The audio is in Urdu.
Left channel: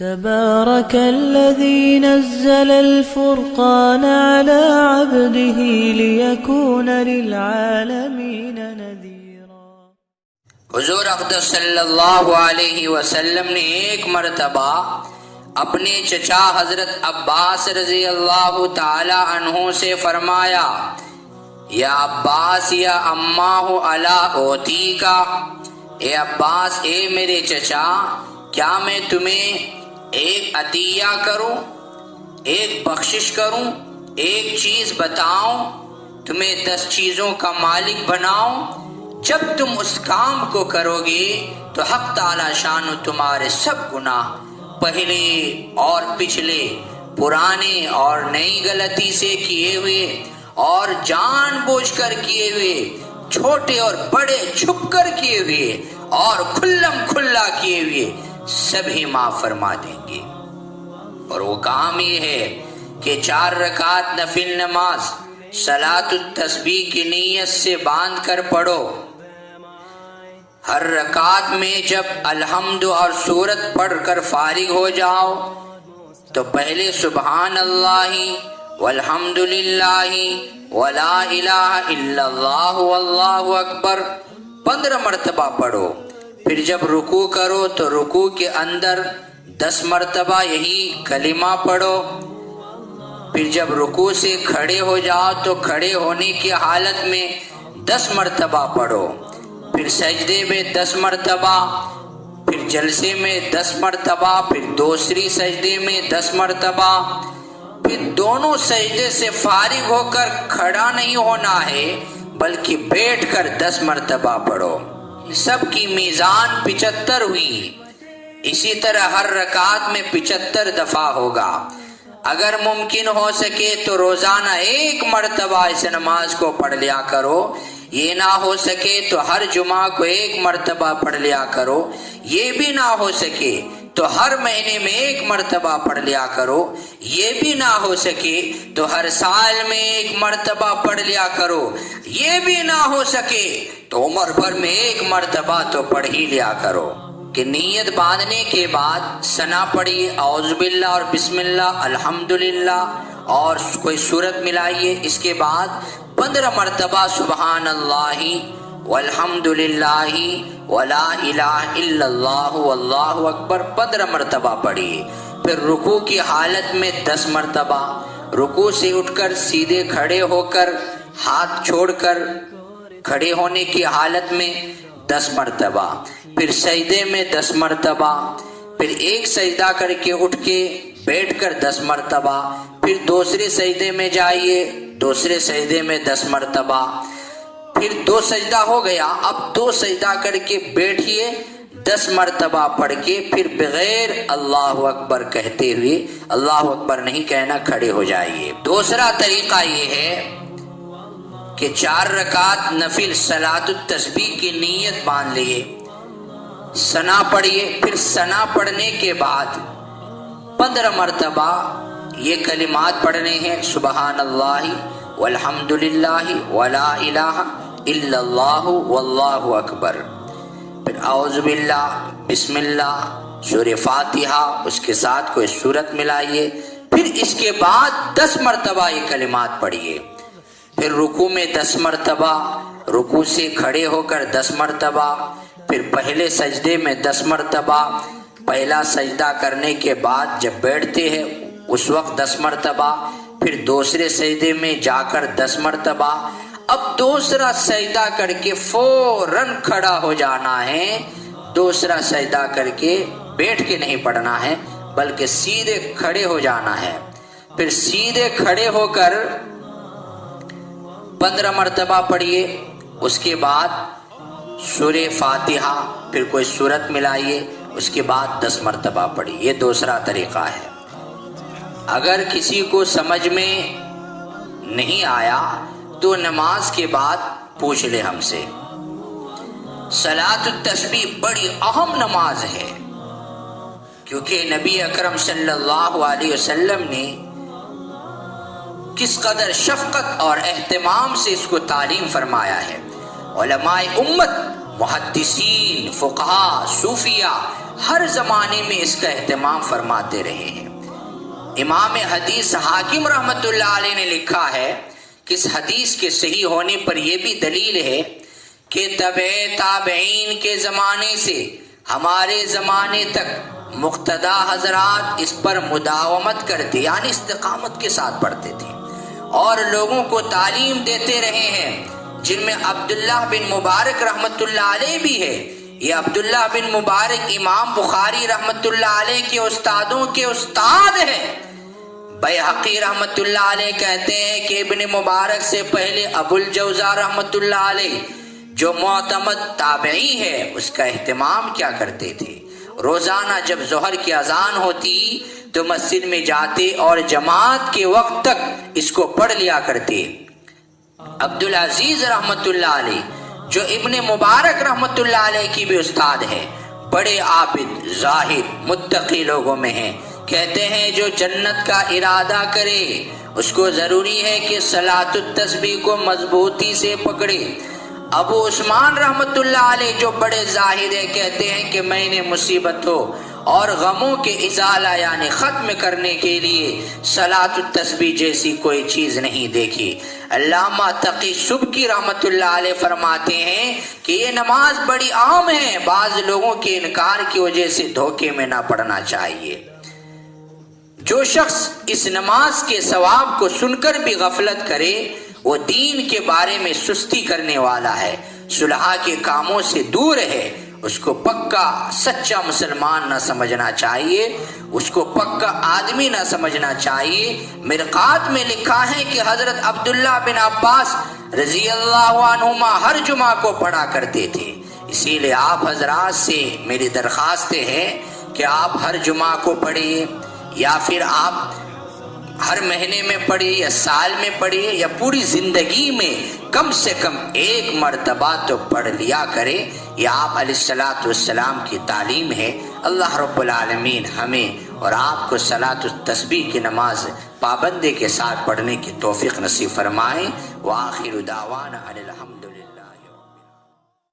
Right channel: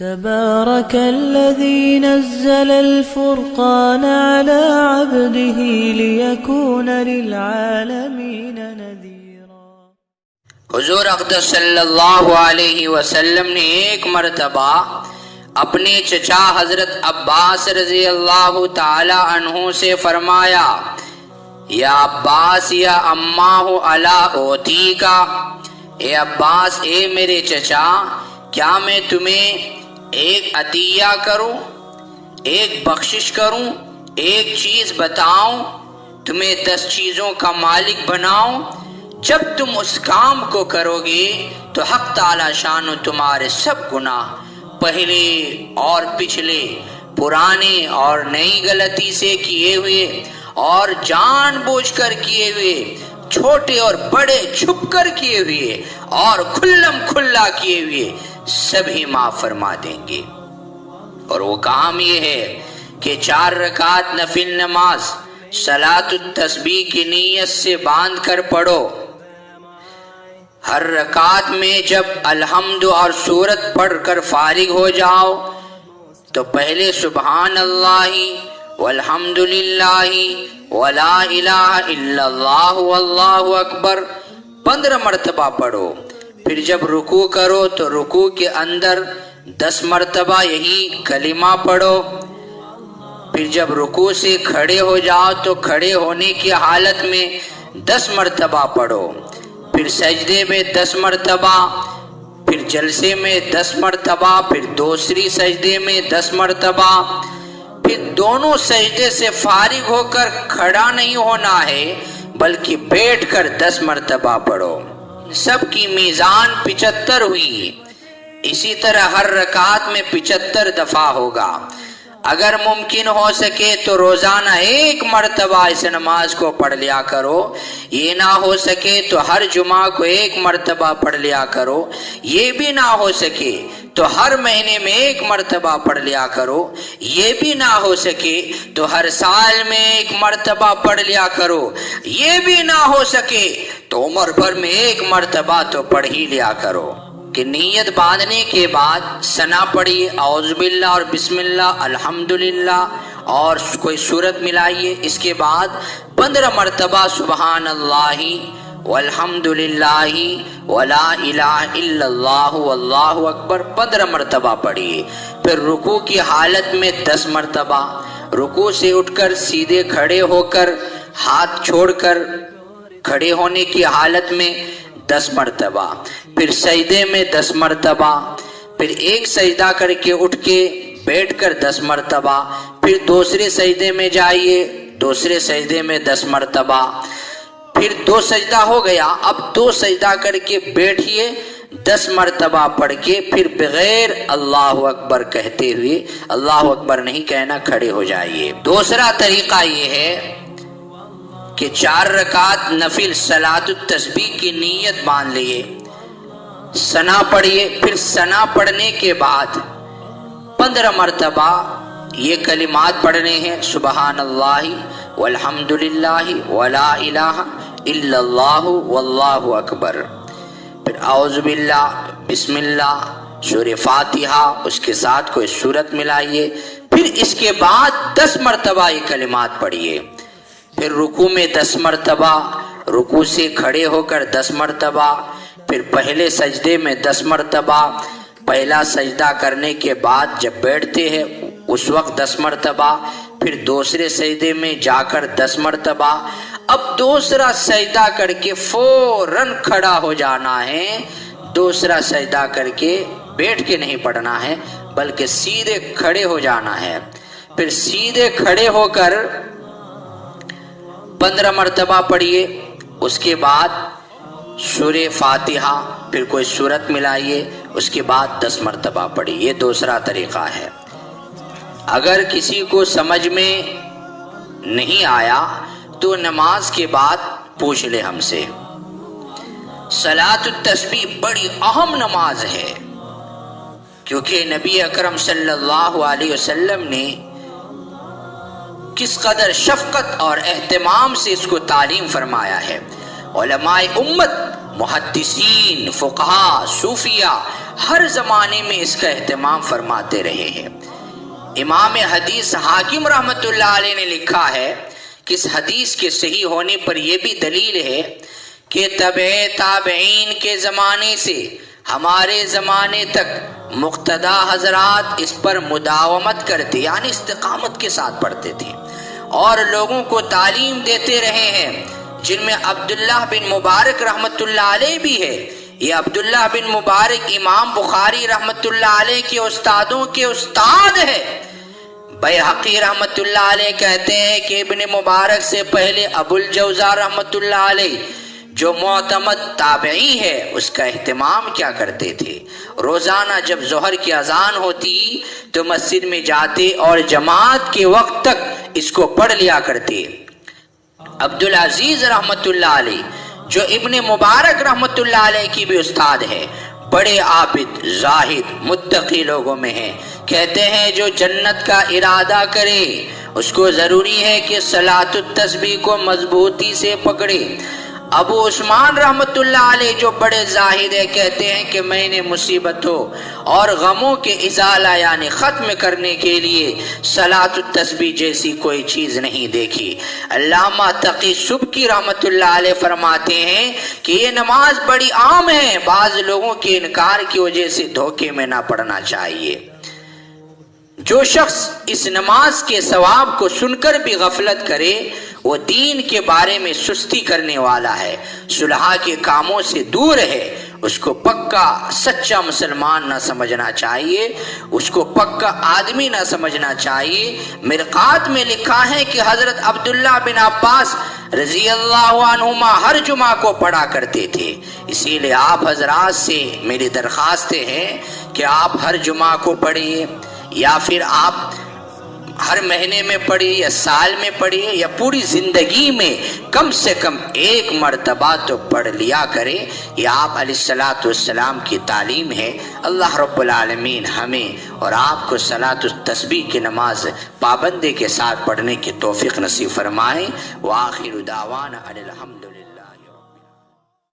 تبارك الذي نزل الفرقان على عبده ليكون للعالمين نذيرا۔ حضور اقدس صلی اللہ علیہ وسلم نے ایک مرتبہ اپنے چچا حضرت عباس رضی اللہ تعالی عنہ سے فرمایا، یا عباس یا اماہ الا اوتی کا، اے عباس اے میرے چچا، کیا میں تمہیں ایک عطیہ کروں، ایک بخشش کروں، ایک چیز بتاؤں، تمہیں 10 چیزوں کا مالک بناؤں؟ جب تم اس کام کو کرو گے تو حق تعالی شان تمہارے سب گناہ، پہلے اور پچھلے، پرانے اور نئی غلطی سے کیے ہوئے اور جان بوجھ کر کیے ہوئے، چھوٹے اور بڑے چھپ کر کیے ہوئے اور کھلم کھلا کیے ہوئے، سبھی معاف فرما دیں گے۔ اور وہ کام یہ ہے کہ 4 رکعت نفل نماز صلاۃ التسبیح کی نیت سے باندھ کر پڑھو۔ ہر رکعت میں جب الحمد اور سورت پڑھ کر فارغ ہو جاؤ تو پہلے سبحان اللہ والحمد للہ ولا الہ الا اللہ واللہ اکبر 15 مرتبہ پڑھو۔ پھر جب رکوع کرو تو رکوع کے اندر 10 مرتبہ یہی کلمہ پڑھو۔ پھر جب رکوع سے کھڑے ہو جاؤ تو کھڑے ہونے کی حالت میں 10 مرتبہ پڑھو۔ پھر سجدے میں 10 مرتبہ، پھر جلسے میں 10 مرتبہ، پھر دوسری سجدے میں 10 مرتبہ، پھر دونوں سجدے سے فارغ ہو کر کھڑا نہیں ہونا ہے بلکہ بیٹھ کر 10 مرتبہ پڑھو۔ سب کی میزان 75 ہوئی۔ اسی طرح ہر رکعت میں 75 دفعہ ہوگا۔ اگر ممکن ہو سکے تو روزانہ 1 مرتبہ اس نماز کو پڑھ لیا کرو، یہ نہ ہو سکے تو ہر جمعہ کو 1 مرتبہ پڑھ لیا کرو، یہ بھی نہ ہو سکے تو ہر مہینے میں 1 مرتبہ پڑھ لیا کرو، یہ بھی نہ ہو سکے تو ہر سال میں 1 مرتبہ پڑھ لیا کرو، یہ بھی نہ ہو سکے تو عمر بھر میں 1 مرتبہ تو پڑھ ہی لیا کرو۔ کہ نیت باندھنے کے بعد ثنا پڑھی، اعوذ باللہ اور بسم اللہ الحمدللہ اور کوئی سورت ملائیے۔ اس کے بعد 15 مرتبہ سبحان اللہ والحمدللہ ولا الہ الا اللہ واللہ اکبر 15 مرتبہ پڑھیے۔ پھر رکوع کی حالت میں 10 مرتبہ، رکوع سے اٹھ کر سیدھے کھڑے ہو کر ہاتھ چھوڑ کر کھڑے ہونے کی حالت میں 10 مرتبہ، پھر سجدے میں 10 مرتبہ، پھر ایک سجدہ کر کے اٹھ کے بیٹھ کر 10 مرتبہ، پھر دوسرے سجدے میں جائیے، دوسرے سجدے میں 10 مرتبہ، پھر 2 سجدہ ہو گیا، اب 2 سجدہ کر کے بیٹھیے 10 مرتبہ پڑھ کے، پھر بغیر اللہ اکبر کہتے ہوئے، اللہ اکبر نہیں کہنا، کھڑے ہو جائیے۔ دوسرا طریقہ یہ ہے کہ 4 رکعت نفل صلاۃ التسبیح کی نیت باندھ لیے، ثنا پڑھیے، پھر ثنا پڑھنے کے بعد 15 مرتبہ یہ کلمات پڑھنے ہیں، سبحان اللہ والحمدللہ ولا الہ الا اللہ واللہ اکبر، پھر اعوذ باللہ، بسم اللہ، سورہ فاتحہ، اس کے ساتھ کوئی سورت ملائیے، پھر اس کے بعد 10 مرتبہ یہ کلمات پڑھیے۔ پھر رکوع میں 10 مرتبہ، رکوع سے کھڑے ہو کر 10 مرتبہ، پھر پہلے سجدے میں 10 مرتبہ، پہلا سجدہ کرنے کے بعد جب بیٹھتے ہیں اس وقت 10 مرتبہ، پھر دوسرے سجدے میں جا کر 10 مرتبہ۔ اب دوسرا سجدہ کر کے فوراً کھڑا ہو جانا ہے، دوسرا سجدہ کر کے بیٹھ کے نہیں پڑھنا ہے بلکہ سیدھے کھڑے ہو جانا ہے۔ پھر سیدھے کھڑے ہو کر 15 مرتبہ پڑھیے، اس کے بعد سورہ فاتحہ، پھر کوئی سورت ملائیے، اس کے بعد 10 مرتبہ پڑھیے۔ یہ دوسرا طریقہ ہے۔ اگر کسی کو سمجھ میں نہیں آیا تو نماز کے بعد پوچھ لے ہم سے۔ صلاۃ التسبیح بڑی اہم نماز ہے کیونکہ نبی اکرم صلی اللہ علیہ وسلم نے کس قدر شفقت اور اہتمام سے اس کو تعلیم فرمایا ہے۔ علماء امت، محدثین، فقہاء، صوفیہ ہر زمانے میں اس کا اہتمام فرماتے رہے ہیں۔ امام حدیث حاکم رحمت اللہ علیہ نے لکھا ہے کہ اس حدیث کے صحیح ہونے پر یہ بھی دلیل ہے کہ تبع تابعین کے زمانے سے ہمارے زمانے تک مقتدی حضرات اس پر مداومت کرتے، یعنی استقامت کے ساتھ پڑھتے تھے اور لوگوں کو تعلیم دیتے رہے ہیں، جن میں عبداللہ بن مبارک رحمت اللہ علیہ بھی ہے۔ یہ عبداللہ بن مبارک امام بخاری رحمت اللہ علیہ کے استادوں کے استاد ہے۔ بیہقی رحمت اللہ علیہ کہتے ہیں کہ ابن مبارک سے پہلے ابو الجوزا رحمت اللہ علیہ جو معتمد تابعی ہے اس کا اہتمام کیا کرتے تھے، روزانہ جب ظہر کی اذان ہوتی تو مسجد میں جاتے اور جماعت کے وقت تک اس کو پڑھ لیا کرتے۔ عبدالعزیز رحمت اللہ علیہ جو ابن مبارک رحمت اللہ علیہ کی بھی استاد ہے، بڑے عابد زاہد متقی لوگوں میں ہیں، کہتے ہیں جو جنت کا ارادہ کرے اس کو ضروری ہے کہ صلاۃ التسبیح کو مضبوطی سے پکڑے۔ ابو عثمان رحمت اللہ علیہ جو بڑے زاہد ہیں کہتے ہیں کہ میں نے مصیبتوں اور غموں کے ازالہ یعنی ختم کرنے کے لیے صلاۃ التسبیح جیسی کوئی چیز نہیں دیکھی۔ علامہ تقی سبکی رحمت اللہ علیہ فرماتے ہیں کہ یہ نماز بڑی عام ہے، بعض لوگوں کے انکار کی وجہ سے دھوکے میں نہ پڑنا چاہیے۔ جو شخص اس نماز کے ثواب کو سن کر بھی غفلت کرے وہ دین کے بارے میں سستی کرنے والا ہے، صلح کے کاموں سے دور ہے، اس کو پکا سچا مسلمان نہ سمجھنا چاہیے، اس کو پکا آدمی نہ سمجھنا چاہیے۔ مرقات میں لکھا ہے کہ حضرت عبداللہ بن عباس رضی اللہ عنہما ہر جمعہ کو پڑھا کرتے تھے، اسی لیے آپ حضرات سے میری درخواستیں ہیں کہ آپ ہر جمعہ کو پڑھیے، یا پھر آپ ہر مہینے میں پڑھیے یا سال میں پڑھیے یا پوری زندگی میں کم سے کم ایک مرتبہ تو پڑھ لیا کرے۔ یہ آپ علیہ الصلوۃ والسلام کی تعلیم ہے۔ اللہ رب العالمین ہمیں اور آپ کو صلاۃ التسبیح کی نماز پابندی کے ساتھ پڑھنے کی توفیق نصیب فرمائے۔ وآخر دعوانا